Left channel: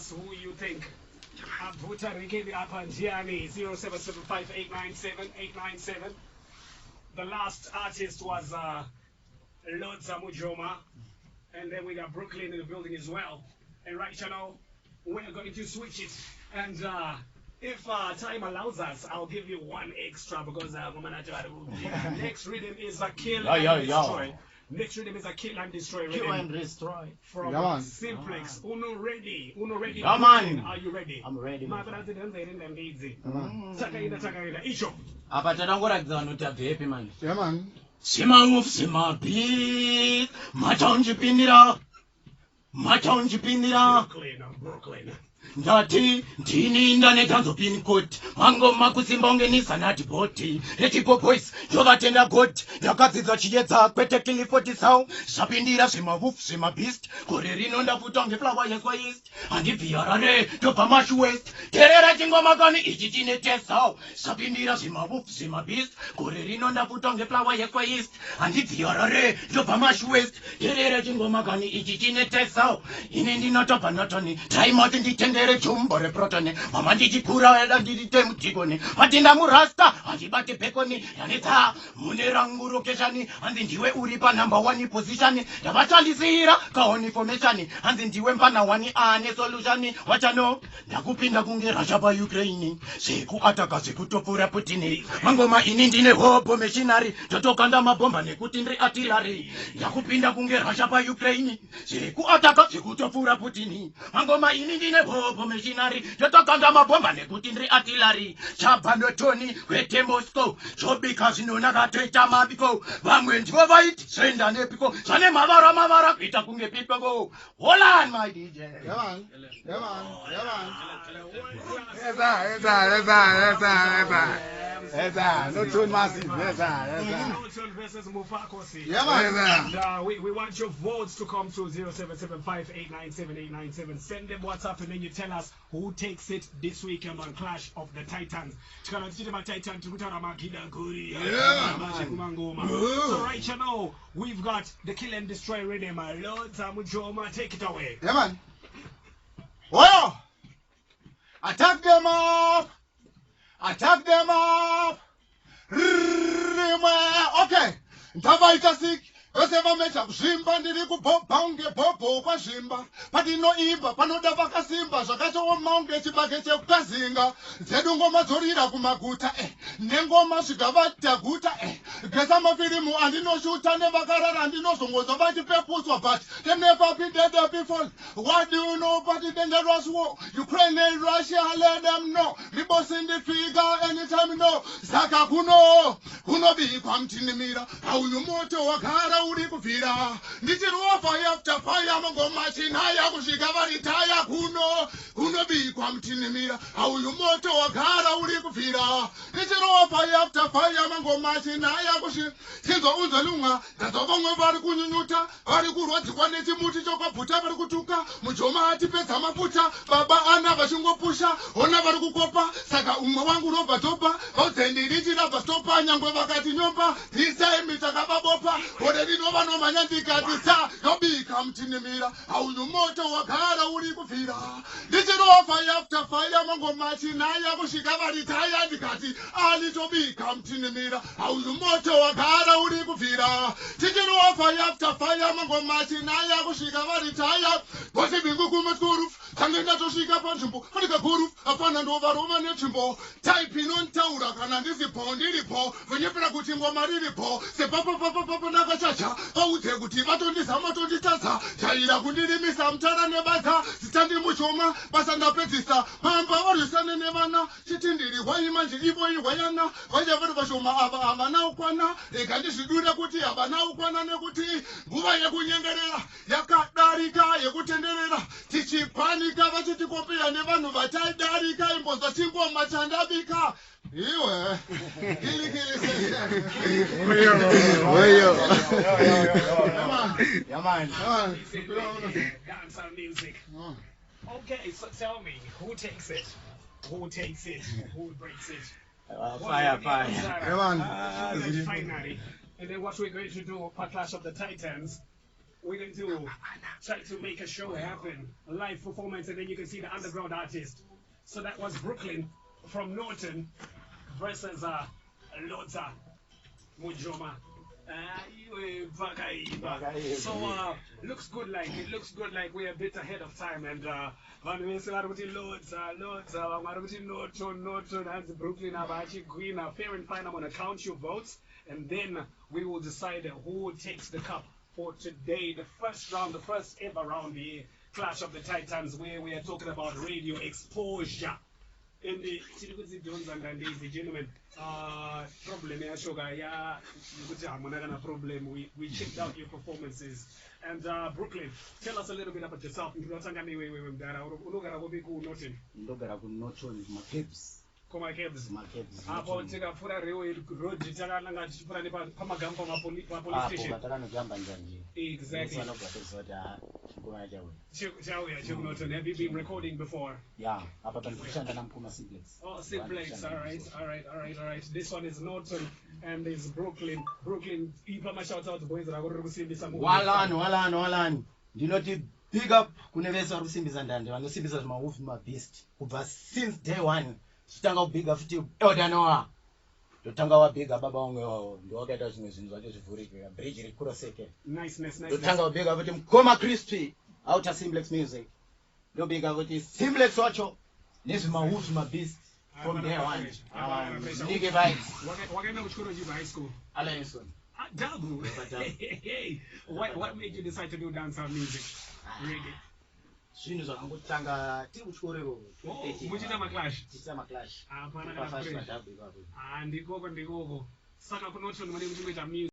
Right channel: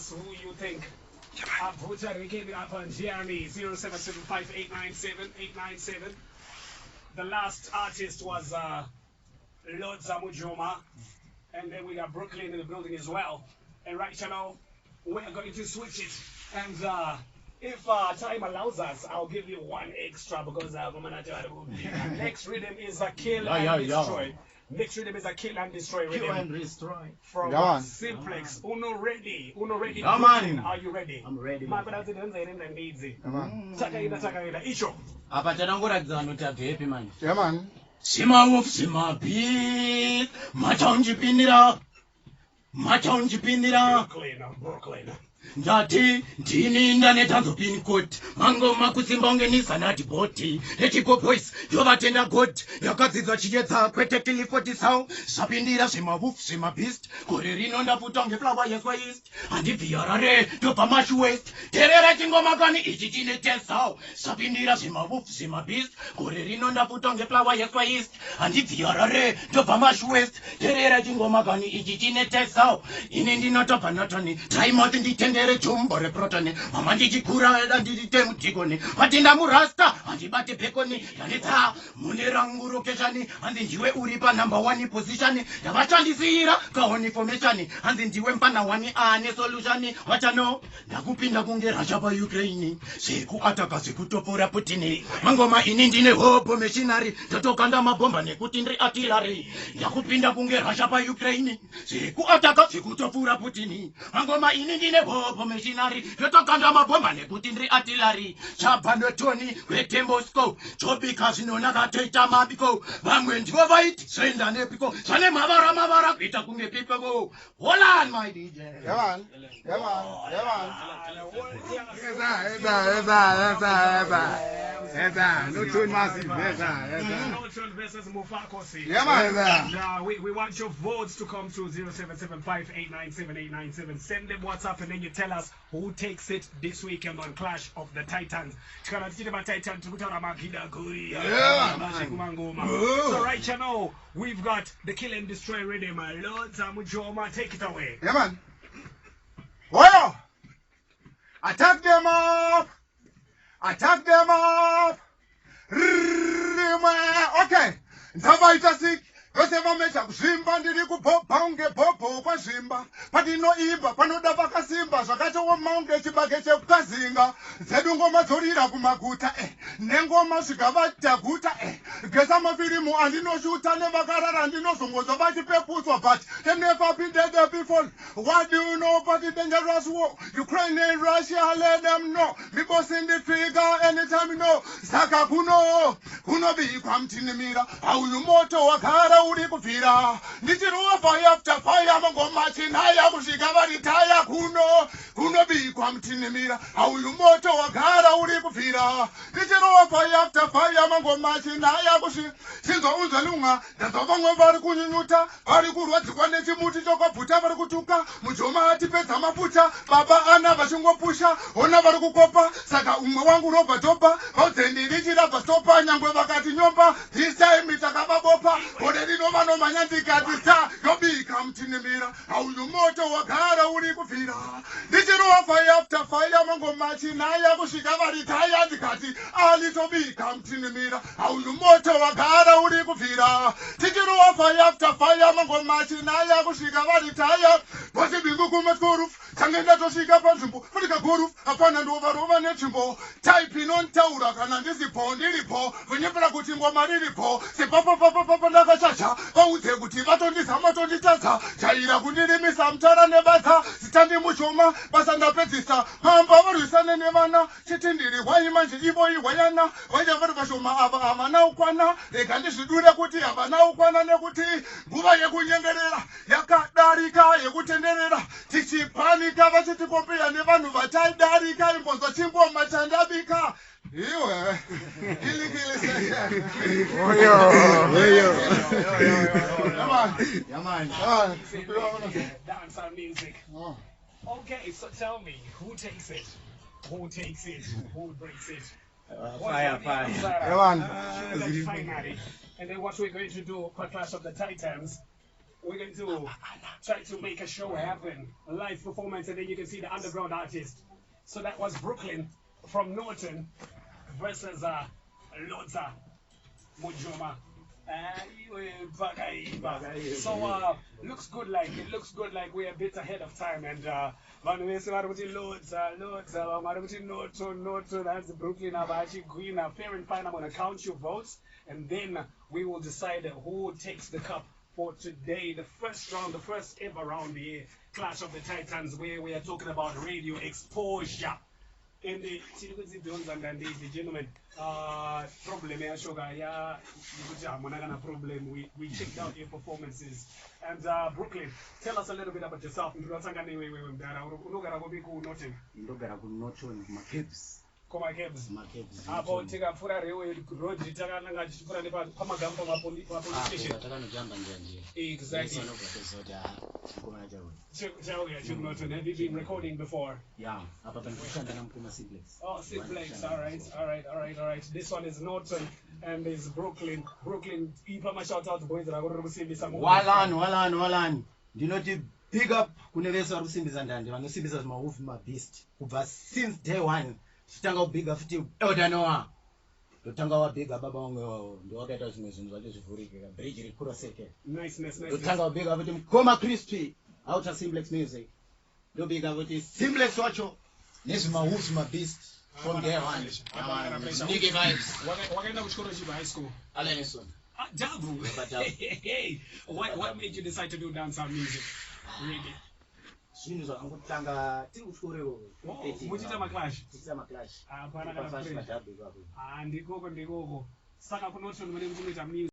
us who you think. Abuta Rikemi Apanjiani 0775897897. The last artist was Lodza Mujoma, and then we got Brooklyn in the building as well. And right now, we're going to switch it. And if time allows us, I'll give you one extra because next rhythm is a kill and destroy. Next rhythm is a kill and destroy rhythm. Kill and destroy. From Simplex. Uno ready. Uno ready. Yeah, man. Are you ready? I'm ready. Icho. Apa tadangoratidza notabvepi manje. Yeah, man. Simamufsimapi machaunjipindira Brooklyn. Ndati ndini ndanethanzo pin code mangoma kusimba ungenisa nati boti etipo boys ndovatenda god yakadzidza chiyedza kwete kilifoti sound zvapindira zvemawolf zvemabeast gore rino ndafuta ngeflower yeswa east handibviyarare ndobva mash west terera chingoma kani ichi chine tesau zvapindira zvemawolf zvemabeast gore rino ndafuta ngeflower yeswa east handibviyarare ndobva mash west terera chingoma kani ichi chine tesau ini ndinotobva notoni taimoti nditende Jumbo reprotone, mama ndichikura ndite mutikoni, matinda murasta, handibate pekoni, yanetsa munerangu keshani, handi ndiwe uri pa number 1 position, ndavatandisira kaoni formation, handi ndiwe mpana 1 ane solution, wachano, ndakupinda kunge Russia pa Ukraine, seku ataka sekutopora Putin, mangoma ini ndine hobo machinery, totokanda mabomba nekuti ndri artillery, ndakupinda kunge Russia pa Ukraine, seku ataka sekutopora Putin, mangoma ini ndine hobo machinery totokanda mabomba nekuti ndri artillery chabhando toni kwete Moscow chobika zvinonaka toita mabiko vamwe ndivo vaiti zvenda nepiko zvane mavara kuita kunge pipeko hold on my DJ. Come on. Yes, no tune massive. Yes, yeah, man. And we want your votes to come to 0775897897. Send them WhatsApp and then you tell us who takes it this weekend on Clash of the Titans. So right now, we've got the Kill and Destroy rhythm. Lodza Mujoma, take it away. Yeah, man. Well, attack them up. Okay. Ndavaita sick. Vose vamecha kuzvimba ndiri kubhobha unge bhobho kwazvimba patinoimba panoda vakasimba zvakachooma unge chibage chekukazinga dzedu ngoma dzorira kumaguta nengoma zvikavataguta gesa mafirimu andinoshuta nevakarara ndinozongodzwa vachipepuswa but they never been there before. What do you know about the dangerous war? Ukraine and Russia, let them know. Me boss in the trigger anytime you know. Saka kuno bikwa mtinimira auyu moto wakara uri kufira ndichiruwa fire after fire mangoma chinaya kusvika varitaya kuno bikwa mtinimira auyu moto wakara uri kufira ndichiruwa fire after fire mangoma chinaya kusvika sinzwa unzwa lunga ndazva vamwe vari kunyunyuta vari kurwadzikwa nechimuti chokabvuta vari kutuka Mujoma atipedza mafuta baba ana vachingopusha ona vari kukopa saka umwe wangu robva topa vaudzendirichirabva stopa nyangwe vakati nyomba this time takavabopa ode rinova nomanya ndikati sa yobika mtinimira auyu moto wagara uri kufira ndichirowa fire after fire mangoma chinaya kusvika varitaya ndikati alitobika mtinimira auyu moto wagara uri kufira tichirowa fire after fire mangoma chinaya kusvika varitaya bose bingu kumatkoruf tange ndatosvika panzvimbo fanika goruf hapana ndovarova netsvimbo type inontaura kana ndisipo ndiripo venyepera kuti ngoma riripo sepapapapapa ndakachacha vaudze kuti vatondizama tonditadza jaira kundirimisa mutara nebasa zitandi Mujoma basa ndapedzisa pamba varwisane nevana chiti ndiri hwai manje ivo ihwayana vaita vari vashoma ava havana ukwana rega ndizvidure kuti havana ukwana nekuti nguva yekunyengerera yakadarika yekutenderera tichipanika vachitikopeya nevanhu vataidarika imbonzwa chingoma chandabika iwe kilikili session Dancehall music. Okay, so tell me, who takes it? Who takes it? Who breaks it? Fire. Finally. And then what we're going to do for Clash of the Titans, we're going to try to make a show happen, a live performance, and then you can see the underground artist. So that was Brooklyn from Norton versus Lodza Mujoma. So looks good like we're a bit ahead of time, and Norton and Brooklyn are actually green. Fair and fine, I'm gonna count your votes, and then we will decide who takes the cup for today. The first round, the first ever round, the Clash of the Titans, where we are talking about radio exposure. In the and gentlemen, problem problem. We checked out your performances. And Brooklyn, tell us a little bit about yourself. Koma Kebs. Hapo tika pfura rewe road takananga tichipfura nepamagambo police station. Exactly. Have you been recording before? Yeah, hapa tunashanda na Mpuma Simplex. Oh, Simplex. All right. This one is Norton and is Brooklyn. Brooklyn, ipa ma shout out boys ra kuri kusimbisa. Walani. Ndinoti big up kunevesa vari kusimbisa ndande vanosimbisa zvimahoof mabeast kubva since day one. Chitanga kubiga futi Eldanoa. Totanga wabiga baba wangu ndiwakaita zvimwe zvinhu zvacho zvivhurike bridge rikuroseke. Nice. Totanga kubiga futi Mkoma Crispy outer Simplex music. Ndobiga futi Simplex wacho nezvimahoof mabeast from day one. Nigga vibes. Wakaenda kuchikoro chipi high school? Alanison. Dabu. Hey. What made you decide to do dancehall music? Reggae. Zvinhu zvakangotanga tiri kuchikoro muchita maclash maclash hapana kana ndikoko saka kunoti mune kuchimeta music